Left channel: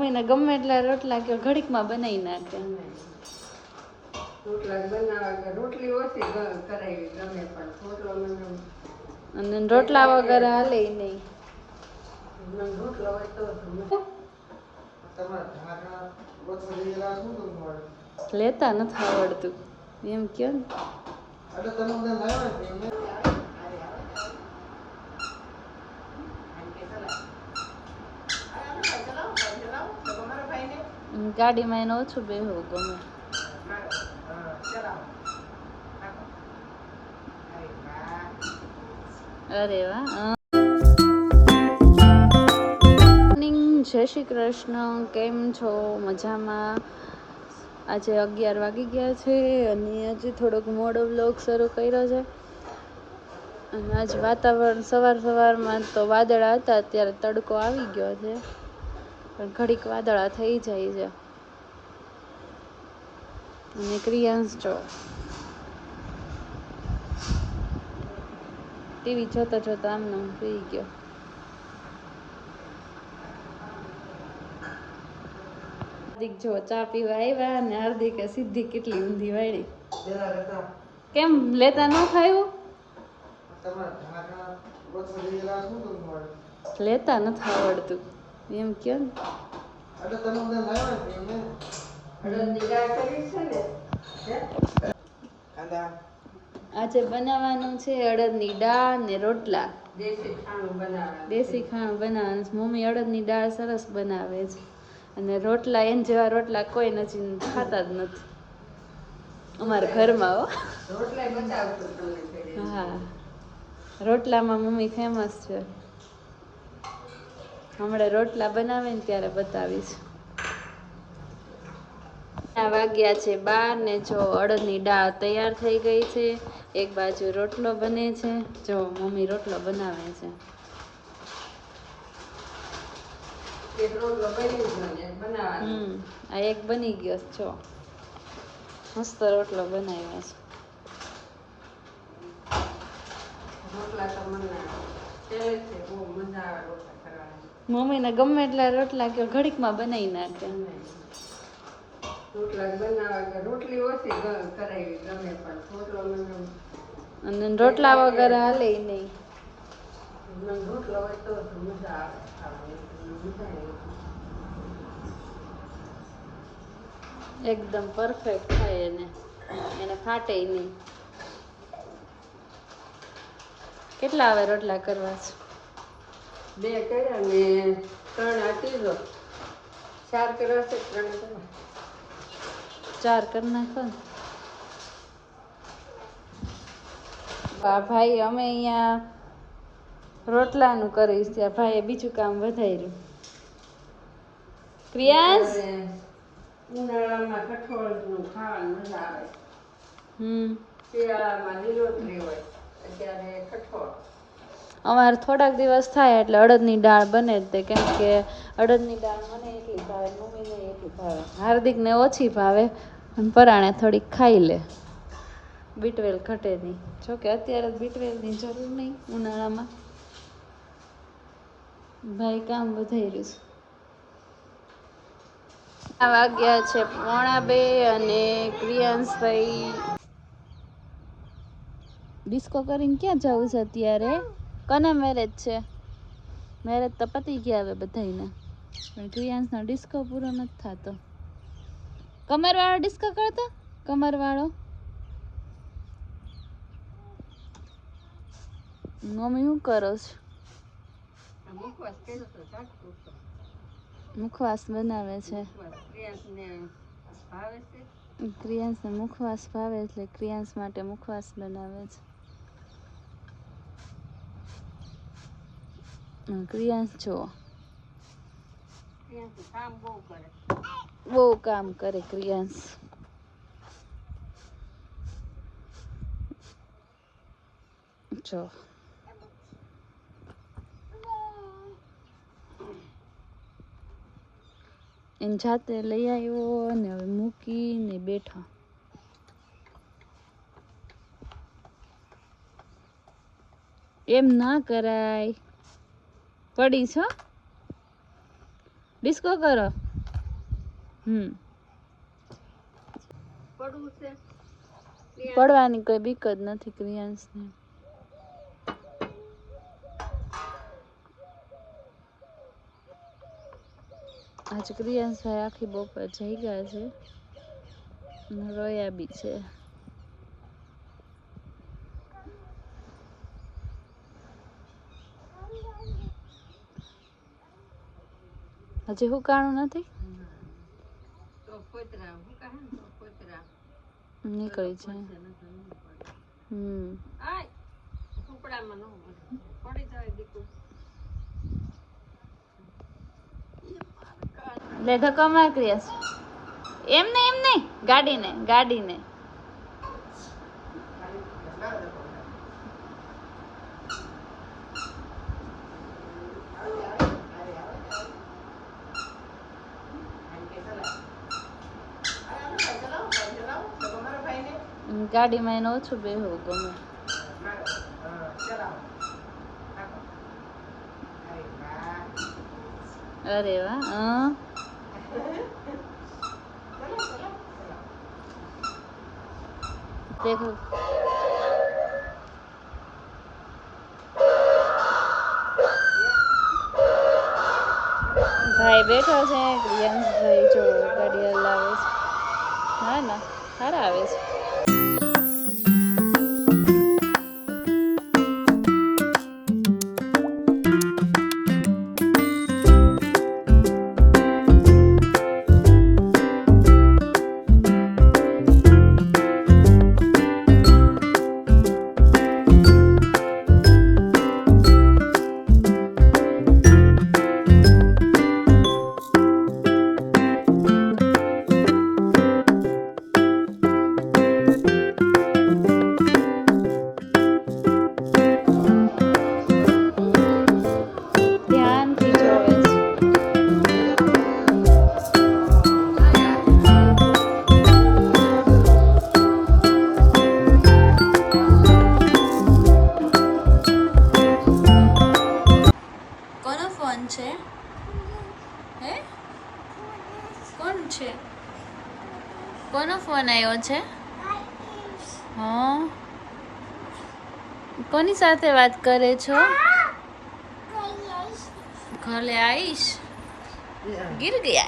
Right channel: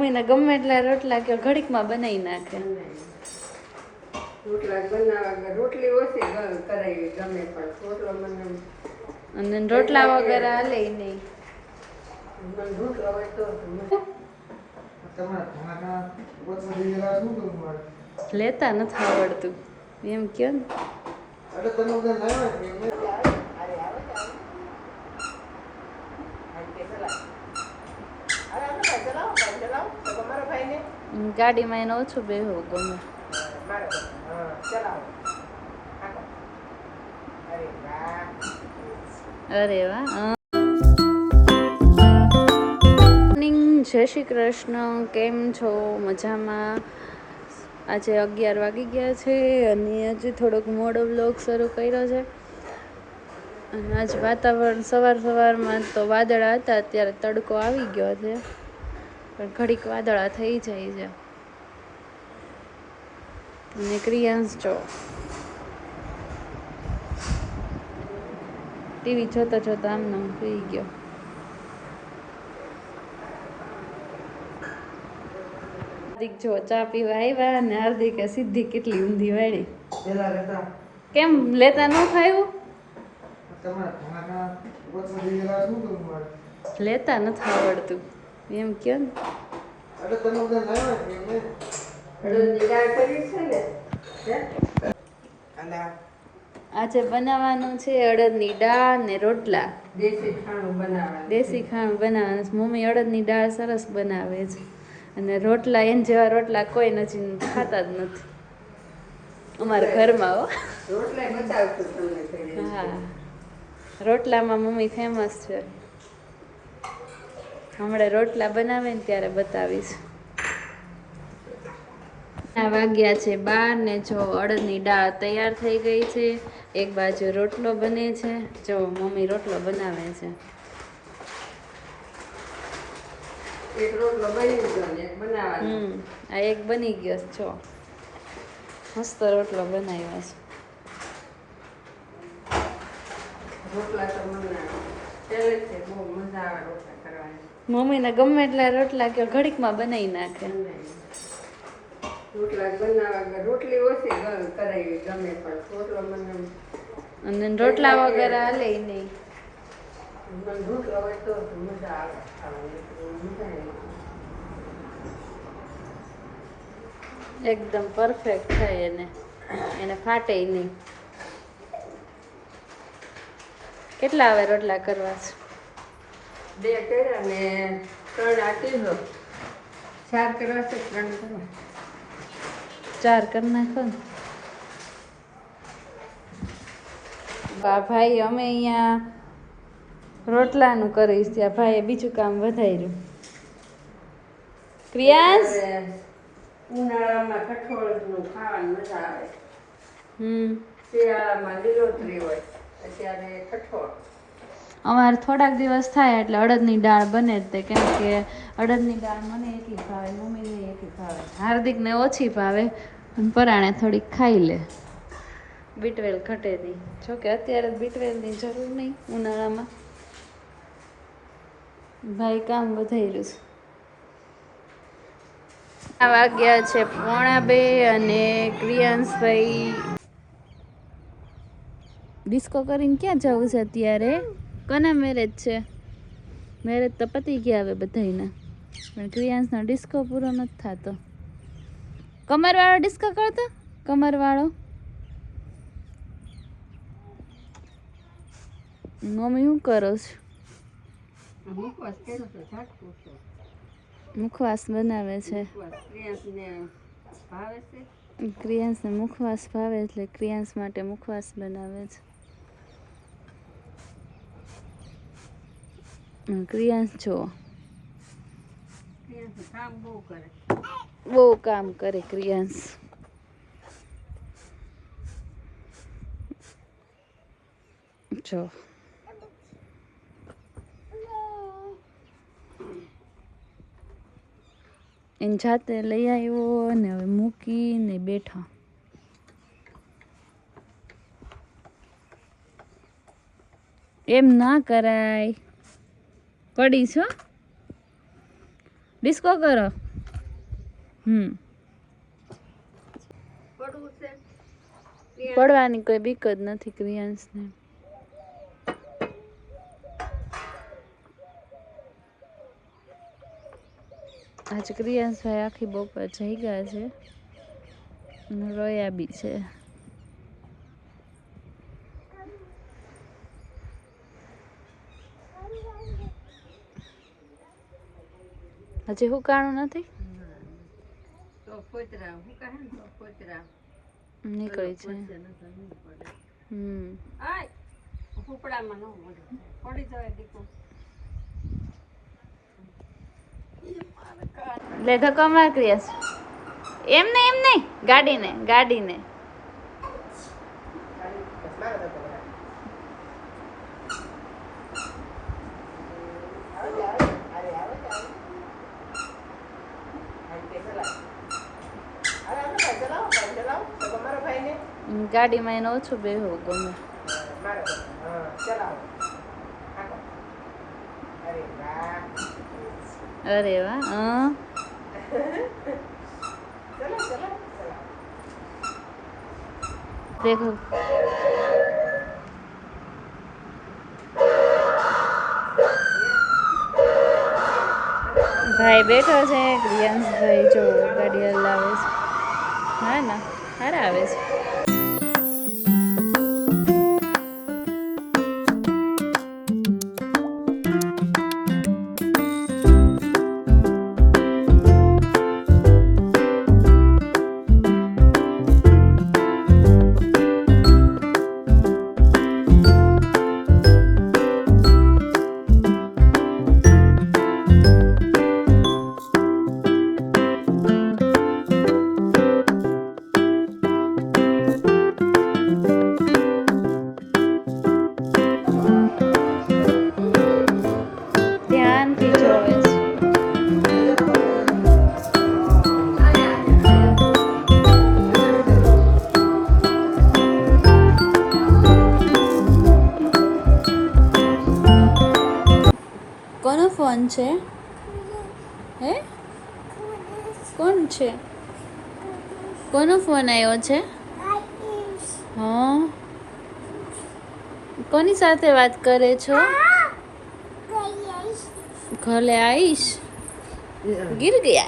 મમ્મીને ગમે એટલા રોટલા કે ઘડીકમાં બનાવી નાખે. અને રોટલા વગર હાલે નહીં. લેતા નથી આવડતું એમ કયો ને. ગાડીમાં એને ઓછું બેહવું ગમે. અરે વાહ. જય શ્રી કૃષ્ણ. કેમ છો? મજામાં? આજે 11 વાગી ગયા છે અને હજી થોડોક મોડો વ્લોગ શરૂ કર્યો છે. અને આજ વાતાવરણ સવારમાં તો વાદળા હતા, અત્યારે તડકો આવી ગયો છે, પણ ઘડીક વાદળા થઈ જાય છે. અને ક્રિયાંશ જો ટીવી જોતા જોતા આમને સુઈ ગયો. હાર્દિક જો ચા પીવા આવ્યા અને હાર્દિકે સીધી કેટલી ઊંધી વાળી. કેમ લેતા ન ખાયું? લેતા નથી આવડતું એમ કયો ને. આજે બનાવવાનું છે અડદની દાળ ને રોટલા. દેશી ખાણું બનાવવાનું. મમ્મી અડદની દાળ સરસ બનાવે છે અને રોટલા એને જેવા રોટલા કોઈ નથી ખાતા જ નથી અમારા ઘરમાં. હો હા, રોટલામાં મમ્મી ફેમસ છે. હમણાં રોટલા બનાવે ને ત્યારે બતાવીશ. વાગ્યા છે 12 ને જો અડદની દાળ તૈયાર થઈ ગઈ છે. એક બાજુ રોટલો બને છે. જો મમ્મી રોટલો બનાવે છે. એક રોટલો બની ગયો ને એક બનાવવાનો. આ એક બની ગયો છો. મસ્ત રોટલો બનાવ્યો છે. રોટલા તો મને પહેલેથી બહુ મજા આવે રોટલા કરવાની. મમ્મીને ગમે એટલા રોટલા કે ઘડીકમાં બનાવી નાખે. અને રોટલા વગર હાલે નહીં. એકદમ પરફેક્ટ થાય એને ફાટે નહીં. કેટલા આવે રોટલા કરવા છે? 2 કર્યા ને 3 આ ત્રીજો. 4 કરવા છે, 3 કરવા. 4 કરી નાખો ને. ભાઈ અમે અહીંયા રોટલાનું કરીશ, ત્યાં ભાઈએ બીજું કામ વધાર્યું. ક્રિયાંશ, ઉનાળામાં કઠોળનું ખાવાની મજા આવે. શિયાળામાં લીલોતરી હોય, અત્યારે કઠોળ. અમારે થોડાક દિવસ થાય એટલે અડદની દાળ બને જ તે, કેમ કે અડદની દાળ મને એટલી ભાવે, મમ્મીને એટલી ભાવે, હાર્દિકને ઓછી ભાવે, પરાણે થોડીક ખાઈ લે. બીટવેલ ઘટે નહીં. જોકે અત્યારે બીટવેલની જરૂર નહીં ઉનાળામાં. ભાઈ કામ વધાર્યું છે. આ વાગ્યા છે 1:45 અને ક્રિયાંશભાઈ ડિસ્કો કરીને ક્યાં જવું છે અત્યારે? કોના મેરેજ છે? મેરેજ તો પતી ગયા હવે બધાયના, પણ ક્રિયાંશનો ડિસ્કો પૂરો નથી થતો. કમરવાળો ડિસ્કો કરતો? કમરવાળો મમ્મી શું કરો છો? મુખવાસ બનાવે છે. ક્રિયાંશને મુખવાસ ભાવે એટલે ક્રિયાંશ માટે મુખવાસ બનાવે છે. ક્રિયાંશ જો બહુ કામ કરે ક્રિયાંશ. જો એને જાતે લઈ આવ્યો અને હવે મૂકીને બેઠા. એમ ના કરાય, પડી છો. ડિસ્કો કરો. પડવાની કોઈ બીક જ નથી ક્રિયાંશને. આજે ક્રિયાંશભાઈ આખી બપોર જઈ ગયા છે, રોયા બી છે. હજી હુકાણું નથી, નીકળી છે. લે ધક્કો માર ક્રિયાશ. એમ નહીં ગાડીને. ગાડીમાં એને ઓછું બેહવું ગમે. અરે વાહ. દેખો ભાઈ બેઠો છે, ક્રિયાંશભાઈ જો ગાડી હલાવે છે. હા ના સારા આવે છે. ફોન છે? હે કોણ છે? કોનો ફોન આવ્યો છે? હા, કોની સાથે વાત કરે છો? ઘરે આવીશ. गिर गया